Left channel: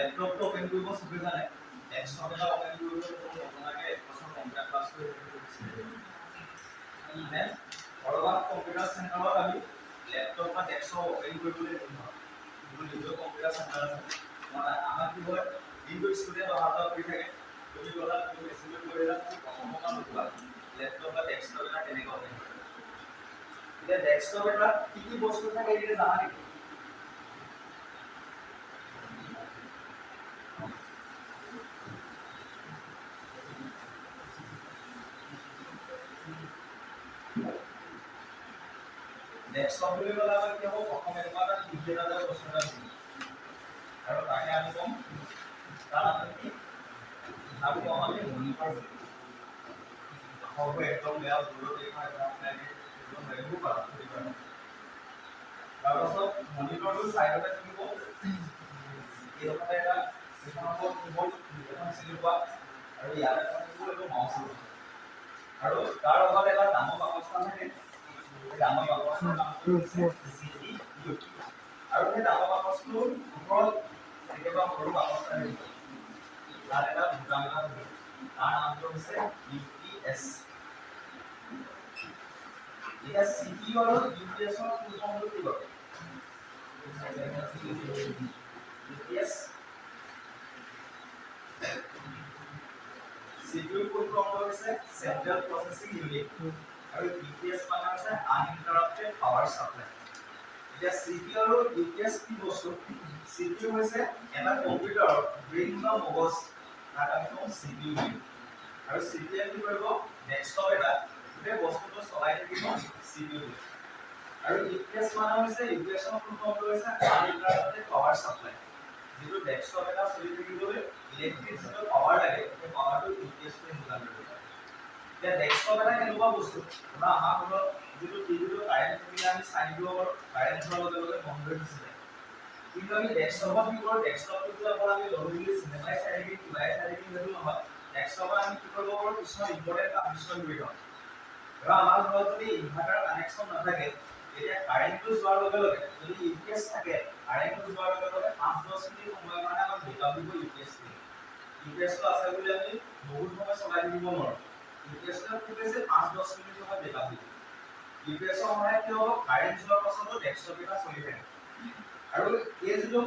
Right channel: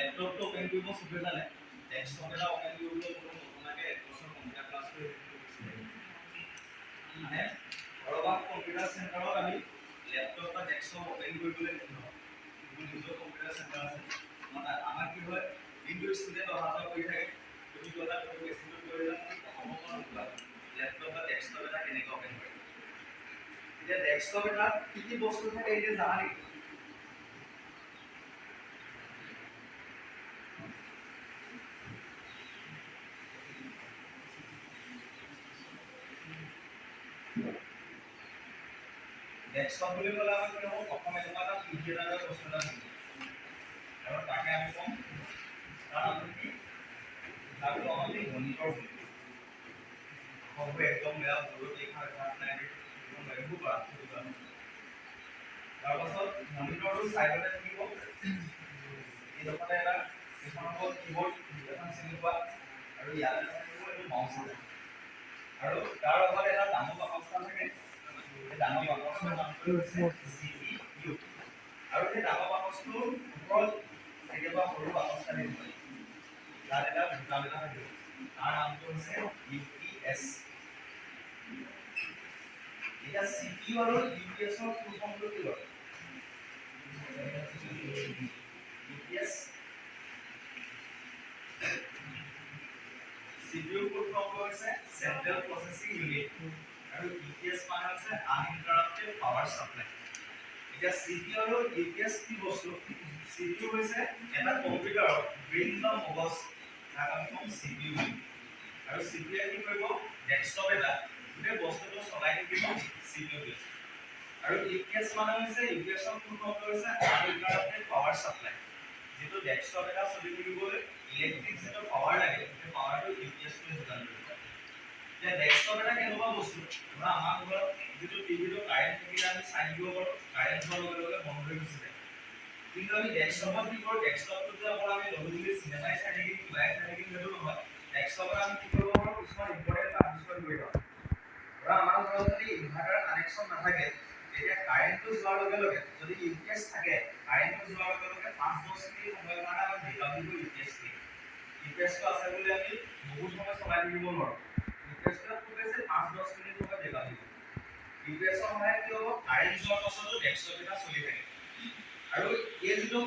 ল্যাপটপটো open কৰিব সবে জানে ডেস্কটপ এটা ওপেন কৰিবলৈ আপোনালোকে একবছৰ কম্পিউটাৰ ক্লাছ কৰি মানে কৰবাত কম্পিউটাৰ চেণ্টাৰত আমি ল্যাপটপ বা ডেস্কটপ ওপেন কৰিবলৈ নহয় মোৰ নিজৰ কম্পিউটাৰ চেণ্টাৰ আছে মানে আমাৰ কি হয় দিনটো ষ্টুডেণ্ট অহা যোৱা কৰি থাকে তুমি গলা তুমি মেচিনত কৰি দিলা তুমি প্ৰথমৰ পৰা নোপোৱা ল্যাপটপ বা ডেস্কটপ এটা কেনেকৈ ওপেন কৰিবা এতিয়া ডেস্কটপ এটা কি বস্তু থাকে এতিয়া জানা নেকি ডেস্কটপ বুলি ক'লে আমাৰ কি হ'ব প্ৰথম এনেকুৱা এটা টিভি এটা বস্তু এটা দিম আৰু তাকে আমি ক'ম তাৰ আমি কি আমি ক'ম আমি মনিটৰ বুলি হ'ব একদম বেয়া দূৰত দেখা নাই দিব নোৱাৰিব পাৰা তাৰপাছত মনিটৰটো চাইডতে থাকিব এইডোখৰতে এটা এইখন হ'ব কীবৰ্ড এখন চিনি পোৱা আৰু ইয়াতে থাকিব এইটো মাউচ আৰু তাৰ লগত এটা ডাঙৰ বাকচ থাকে ডাঙৰ বাকচৰ নামটো হৈছে CPU আৰু সেই ডাঙৰ বাকচটোৰ ওপৰত কেতিয়াবা সৰু বাকচ থাকিব তাত এটা বুটাম এটা থাকিব তাৰ নামটো হৈছে UPS এতিয়া CPU আৰু UPS ৰ ফুল ফৰ্মটো কি হয় UPS CPU ফুল ফৰ্ম হৈছে সেন্ট্ৰাল প্ৰসেসিং ইউনিট আৰু UPS মানে হৈছে আনইন্টাৰাপ্টেড পাৱাৰ সাপ্লাই এতিয়া CPU আৰু UPS কি বস্তু CPU হৈছে এটা কম্পিউটাৰৰ ব্ৰেইন বা মগজ তাক আমি কম CPU বুলি আৰু CPU কি কৰিব ডেস্কটপ এটা সেই বস্তুটো চলাই থাকিব CPU বুলি আৰু UPS মানে হৈছে UPS ৰ ফুল ফৰ্ম হৈছে আনইন্টাৰাপ্টেড পাৱাৰ সাপ্লাই যেটো ডেস্কটপ এটা চলি থাকিবলৈ ইলেক্ট্ৰিক যেটো পাৱাৰ লাগে সেই পাৱাৰটো UPS টোৱে যোগান ধৰিব এতিয়া ডেস্কটপ এটা কেনেকুৱা বস্তু ধৰা আমাৰ ঘৰত যেটো টিভিটো কাৰেন্ট থাকিলে আমি চাই দিব পাৰো কাৰেন্ট যোৱাৰ লগে লগে বন্ধ হৈ গুচি যায় কিন্তু আমি ডেস্কটপত কি কৰো ডেস্কটপটো যে অকল আমি লগলি চিনেমাই চাই থাকি কিবাই চাই থাকি সেইটো নহয় ডেস্কটপত আমি কি কৰিব পাৰো কিছুমান ইম্পৰ্টেন্ট কাম কিছুমান কৰি থওঁ ধৰা আমাৰ ঘৰত যদি ইনভাৰ্টাৰ কানেকচন নাথাকে তেতিয়া কাৰেন্টটো যোৱাৰ লগে লগে যদি UPS থাকে কাৰেন্টটো যোৱাৰ লগে লগে 5-10 মিনিট সময়ৰ কাৰণে আমাক বেকআপ দিব UPS টো UPS টো আছে বুলি আমি বহুত সময় চলাই থাকিব নোৱাৰো UPS টো খুব বেছি 5-10 মিনিট সময় বেকআপ দিব UPS ৰ সহায়ত কি হ'ব কাৰেন্ট যোৱাৰ পাছতো ডেস্কটপ এটা চলি থাকে আৰু এই যিটো